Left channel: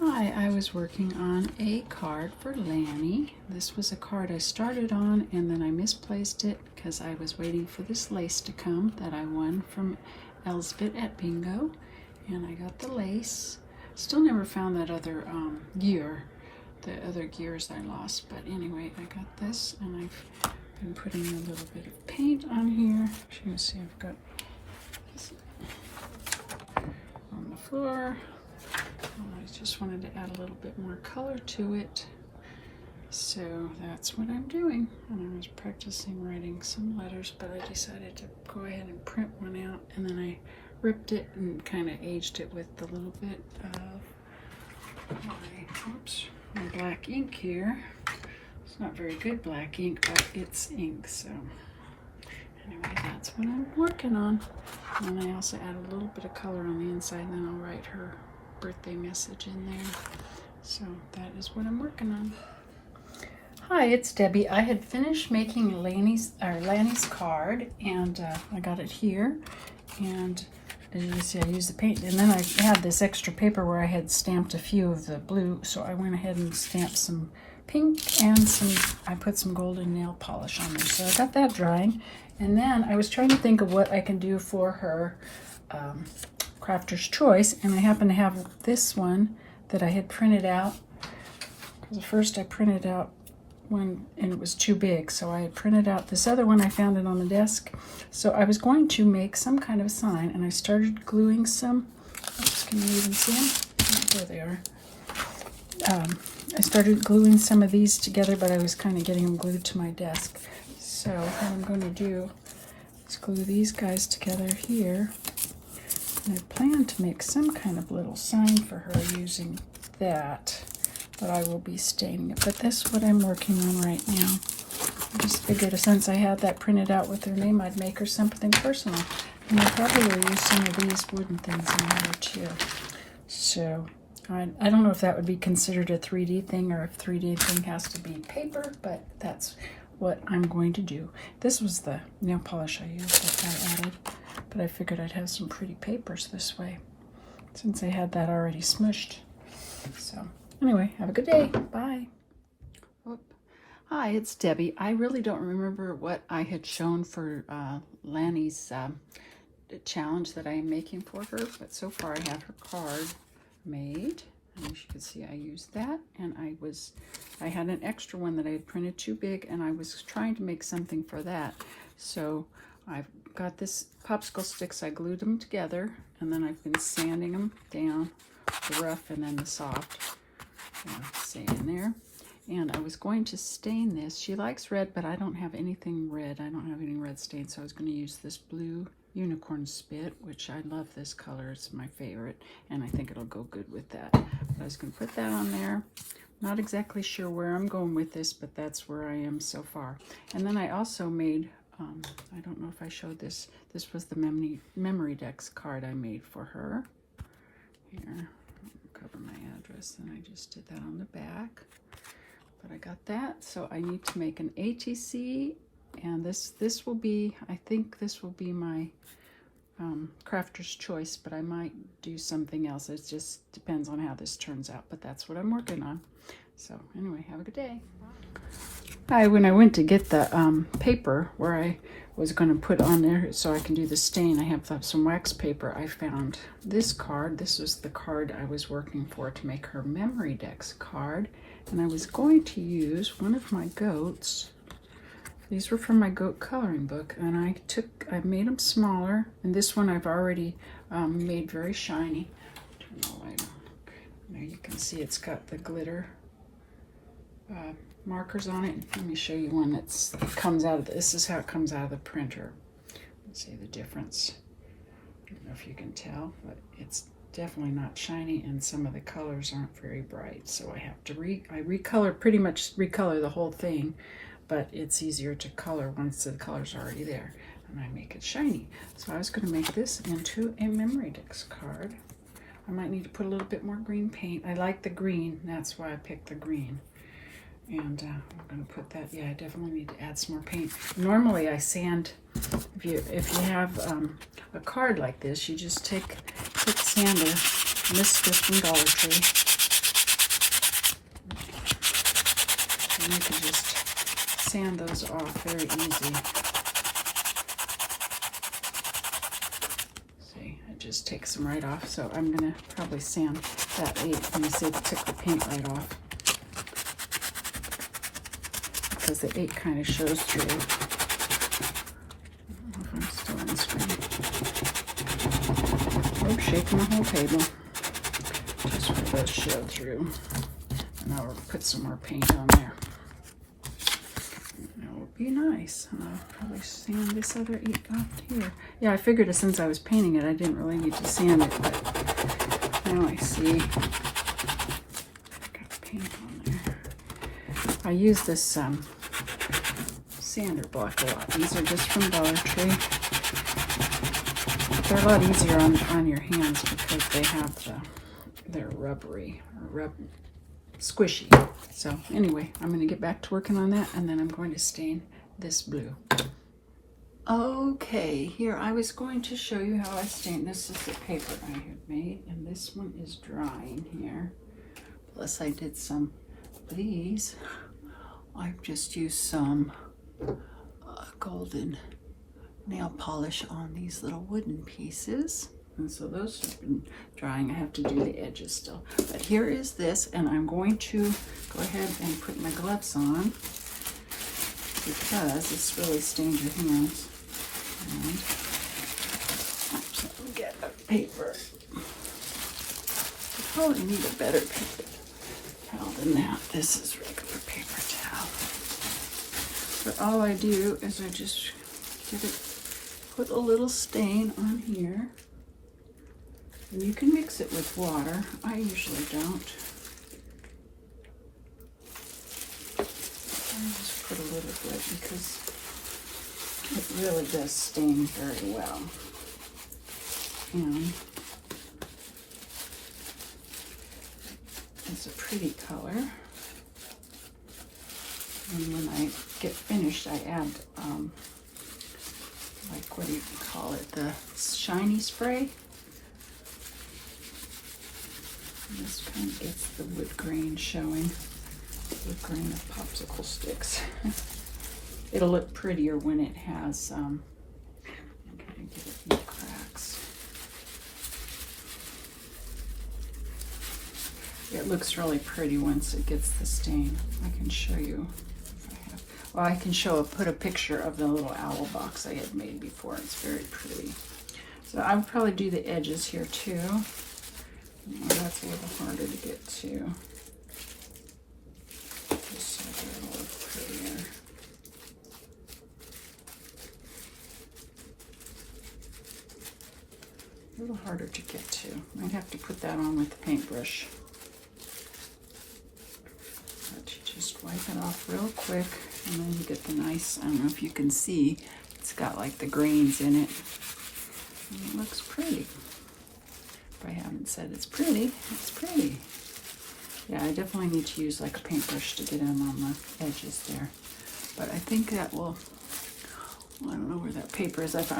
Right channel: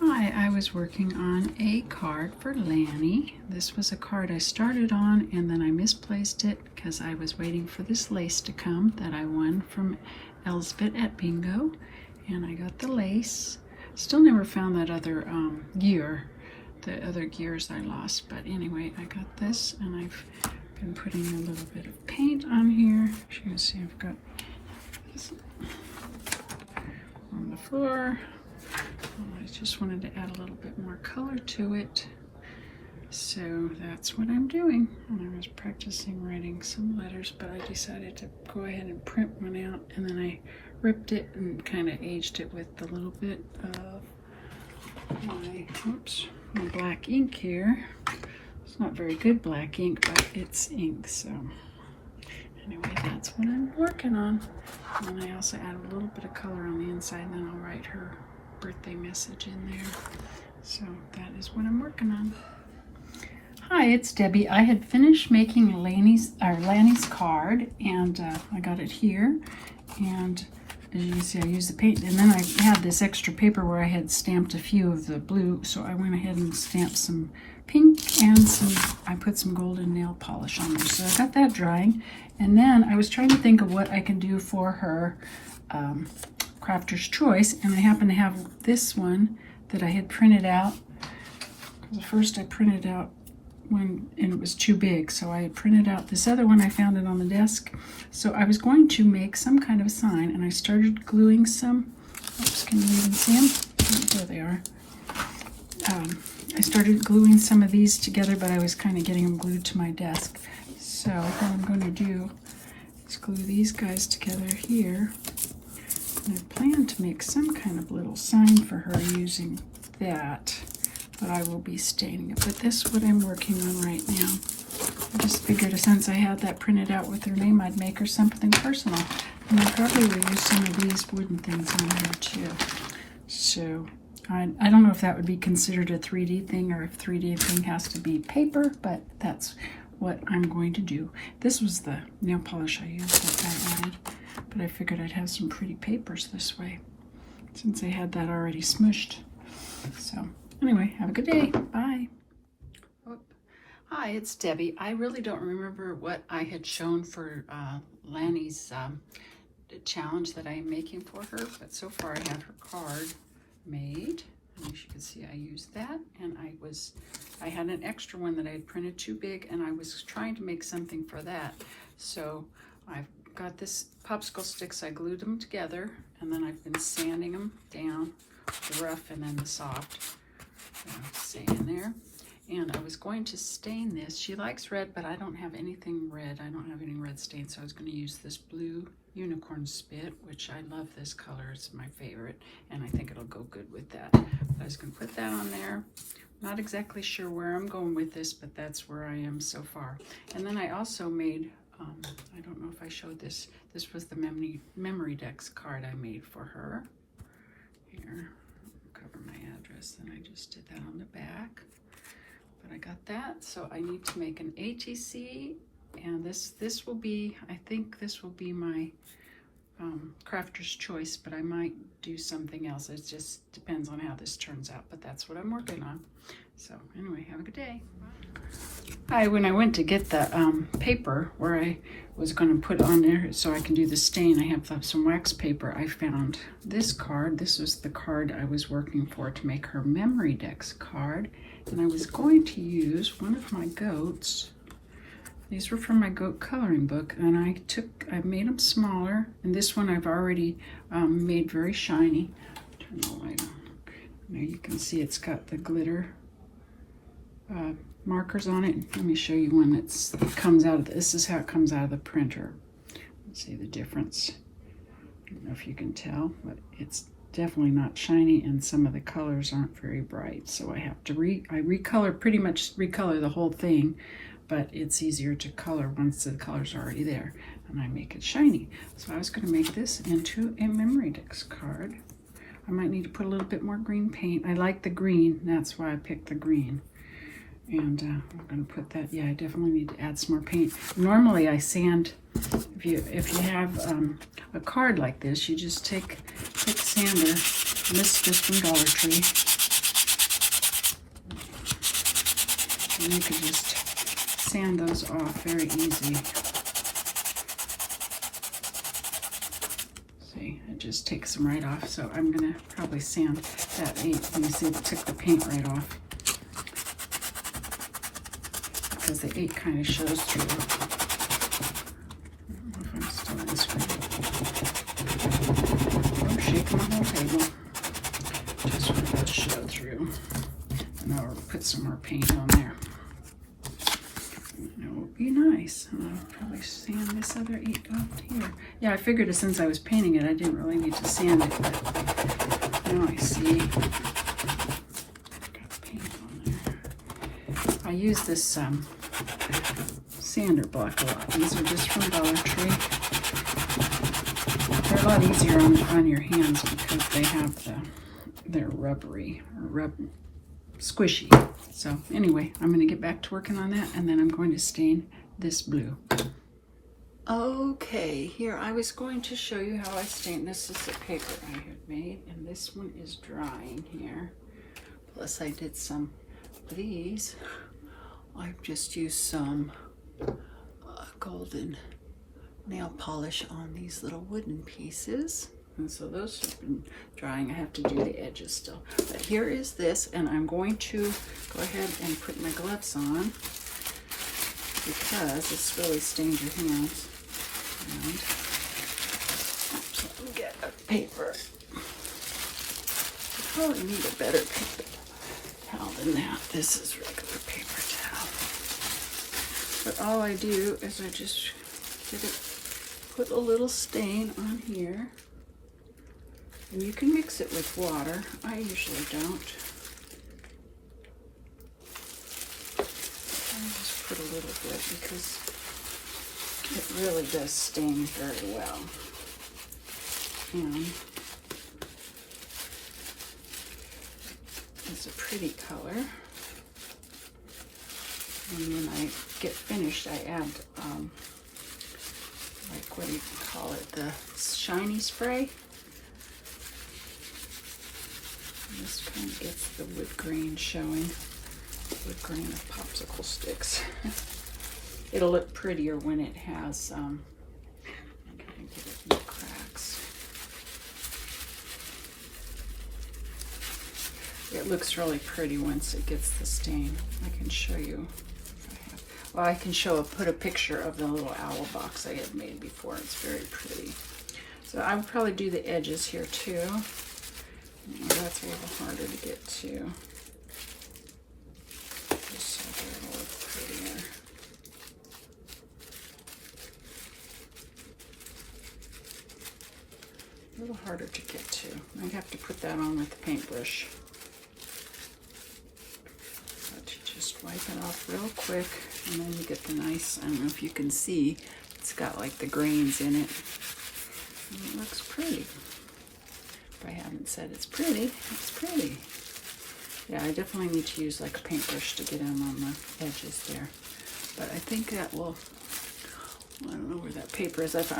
Hi, I was working on a card for Lani. This was a card I started on and then I misplaced it because I was waiting for this lace to come that I won from Elzbet at bingo. And I got the lace. Still never found that other gear, the other gears I lost. But anyway, I got this and I've been putting a little bit of paint on here. As you can see, I've got this on the floor. I just wanted to add a little bit more color to it. So that's what I'm doing. And I was practicing writing some letters, but I decided to go ahead and print one out, and then I ripped it and kind of aged it with a little bit of my black ink here. It's not very good black ink, but it's ink, so anyway, that's what I'm working on. And I also add a little bit of color on the inside, and then I'll write her birthday message in there. So that is what I'm working on. Hi, it's Debbie. I had finished making Lani's card, and I got it here. And as you can see, I used the paint, and then I had this extra paper where I had stamped a few of the blue, so I went ahead and stamped some pink and I put some golden nail polish on them. So I got that drying, and then I was trying to think of what I can do for her Crafter's Choice, and I happen to have this one that I had printed out. Because first I printed out one and it was too big, so I had printed out this other one. I found it on the desk. So I was going to make some kind of sign, and I started gluing some. Can you even see them? There they are. I started gluing some of these together, but I was kind of getting them glued to my desk. So what I'm going to do is glue these guys together here. And I plan to make some kind of little sign for her using that, but I will be staining it. But that's what I'm working on right now. I just figured since I had that printed out with her name, I'd make her something personal. And I probably will use some of these wooden things in here too. So I don't know if that would be considered a 3D thing, or if 3D thing has to be paper, but that's what I'm going to do. This was the nail polish I used that I added, but I figured I'd have some pretty papers this way since I had that already smushed. So anyway, have a good day. Bye. Hi, it's Debbie. I really don't remember what I had shown for Lani's challenge that I am making for her, but so far I have her card made. And as you can see, I used that, and I had an extra one that I had printed too big, and I was trying to make something for that. So I've got this popsicle sticks, I glued them together, and then I've been sanding them down, the rough and then the soft. Sand in there. And I was going to stain this. She likes red, but I don't have anything red. I don't have any red stain, so I was going to use this blue unicorn spit, which I love this color. It's my favorite, and I think it'll go good with that. I was going to put that on there. Not exactly sure where I'm going with this, but that's where I am so far. And then I also made, I don't know if I showed this. This was the memory decks card I made for her. Here, cover my address, and I just did that on the back. But I got that, so I need to make an ATC, and this will be, I think this will be my Crafter's Choice, but I might do something else. It just depends on how this turns out, but that's what I'm working on. So anyway, have a good day. Hi, when I went to get the paper where I was going to put on there so I can do the stain, I have some wax paper. I found this card. This was the card I was working for to make her memory decks card. And I was going to use one of my goats. These were from my goat coloring book, and I made them smaller. And this one I've already made very shiny. Turn the light on. Now you can see it's got the glitter markers on it. Let me show you one that comes out of this is how it comes out of the printer. Let's see the difference. I don't know if you can tell, but it's definitely not shiny, and some of the colors aren't very bright, so I have to pretty much recolor the whole thing, but it's easier to color once the colors are already there, and I make it shiny. So I was going to make this into a memory decks card. I might need to put a little bit more green paint. I like the green, that's why I picked the green. And I'm going to put that, yeah, I definitely need to add some more paint. Normally I sand, if you have a card like this, you just take sander, this from Dollar Tree, And you can just sand those off very easy. See, it just takes them right off. So I'm gonna probably sand that 8. Let me see if it took the paint right off. Because the 8 kind of shows through. I don't know if I'm still in this one. I'm shaking the whole table. Just for that show through. And I'll put some more paint on there. And it will be nice. And I'll probably sand this other 8 off here. Yeah, I figured that since I was painting it, I didn't really need to sand it, but now I see. Got paint on there. I use this sander block a lot. These are just from Dollar Tree. They're a lot easier on your hands because they have they're rubbery or squishy. So anyway, I'm going to get back to working on that, and then I'm going to stain this blue. Okay, here I was going to show you how I stain. This is the paper I had made, and this one is drying here. Plus I did some of these. I've just used some golden nail polish on these little wooden pieces. And so those have been drying. I have to do the edges still. But here is this, and I'm going to go ahead and put my gloves on because this really stains your hands. And oops, let me get a paper. I probably need a better paper towel than that. This is regular paper towel. But all I do is I just put a little stain on here. And you can mix it with water. I usually don't. I just put a little bit because it really does stain very well. And it's a pretty color. And when I get finished, I add, like, what do you call it? The shiny spray. And this kind of gets the wood grain showing. Wood grain of popsicle sticks. It'll look prettier when it has, I'm gonna get a few cracks. It looks really pretty once it gets the stain. I can show you. Well, I can put a picture of the little owl box I had made before. It's very pretty. So I would probably do the edges here too. That's a little harder to get to. Just so they're a little prettier. A little harder to get to. I have to put that on with the paintbrush. But you just wipe it off real quick, and then you get the nice, I don't know if you can see, it's got like the grains in it. And it looks pretty. If I haven't said it's pretty, it's pretty. Yeah, I definitely need to use like a paintbrush to get them on the edges there. But I think that will, I don't know where that paper is. If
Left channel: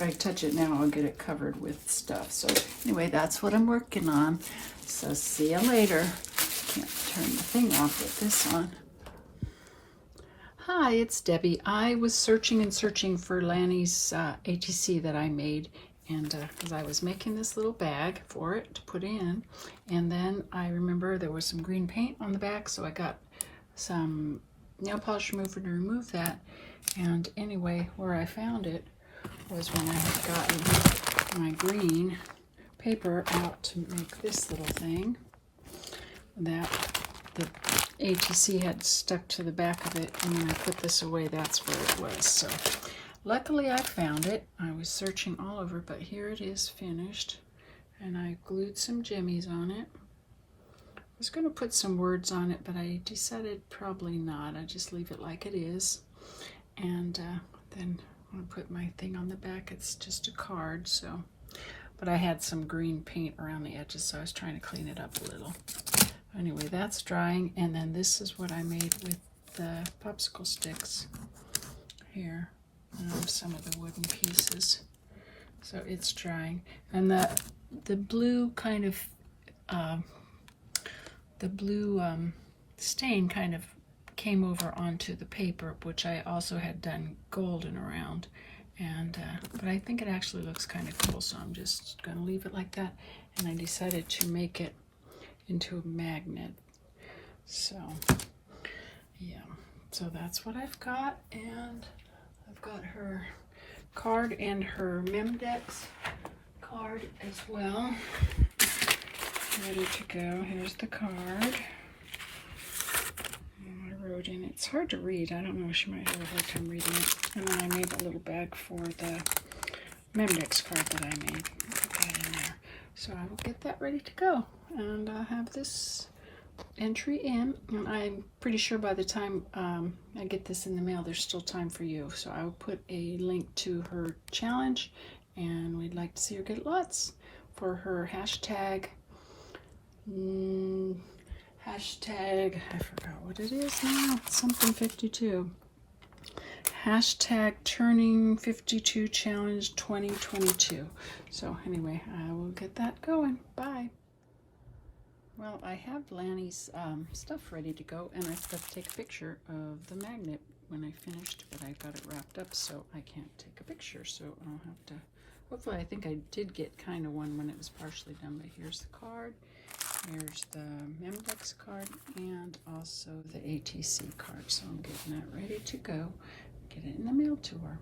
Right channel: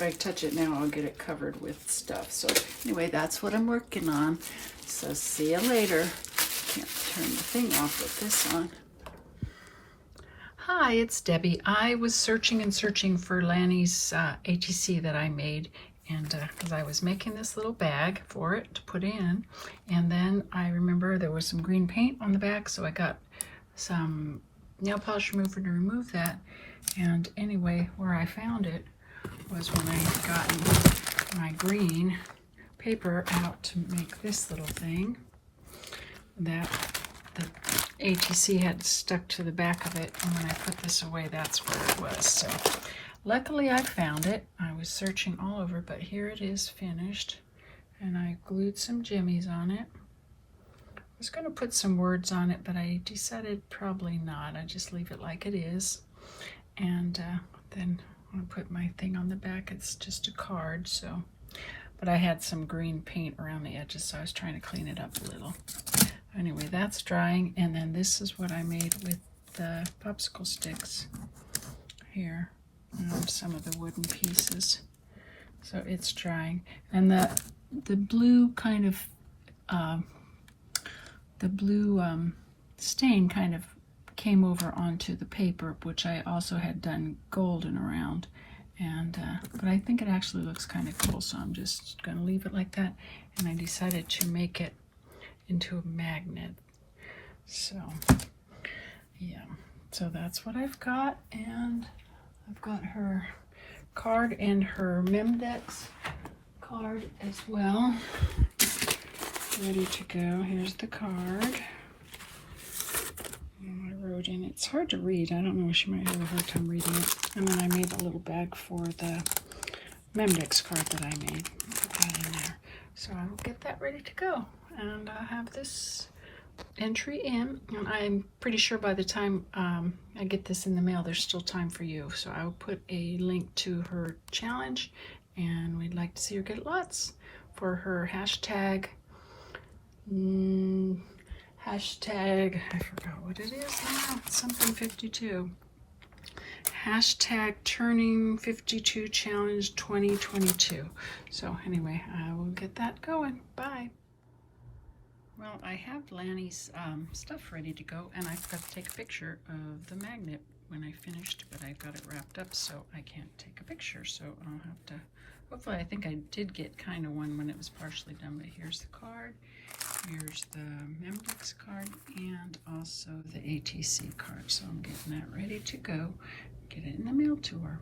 I touch it now, I'll get it covered with stuff. So anyway, that's what I'm working on. So see you later. Can't turn the thing off with this on. Hi, it's Debbie. I was searching and searching for Lani's ATC that I made, and because I was making this little bag for it to put in, and then I remember there was some green paint on the back, so I got some nail polish remover to remove that. And anyway, where I found it was when I had gotten my green paper out to make this little thing that the ATC had stuck to the back of it, and when I put this away, that's where it was. So luckily I found it. I was searching all over, but here it is finished, and I glued some jimmies on it. I was going to put some words on it, but I decided probably not. I just leave it like it is. And then I'm going to put my thing on the back. It's just a card, so. But I had some green paint around the edges, so I was trying to clean it up a little. Anyway, that's drying, and then this is what I made with the popsicle sticks here. Some of the wooden pieces. So it's drying. And the blue kind of, stain kind of came over onto the paper, which I also had done golden around. And but I think it actually looks kind of cool, so I'm just gonna leave it like that. And I decided to make it into a magnet. So yeah, so that's what I've got, and I've got her card and her Memdex card as well, ready to go. Here's the card. I wrote in, it's hard to read. I don't know, she might have a hard time reading it. And then I made a little bag for the Memdex card that I made. Put that in there. So I will get that ready to go. And I have this entry in, and I'm pretty sure by the time I get this in the mail, there's still time for you. So I will put a link to her challenge, and we'd like to see her get lots for her hashtag. Hashtag, I forgot what it is now, something 52. Hashtag turning 52 challenge 2022. So anyway, I will get that going. Bye. Well, I have Lani's stuff ready to go, and I forgot to take a picture of the magnet when I finished, but I got it wrapped up, so I can't take a picture. So I'll have to, hopefully, I think I did get kind of one when it was partially done, but here's the card. Here's the Memdex card and also the ATC card. So I'm getting that ready to go. Get it in the mail to her.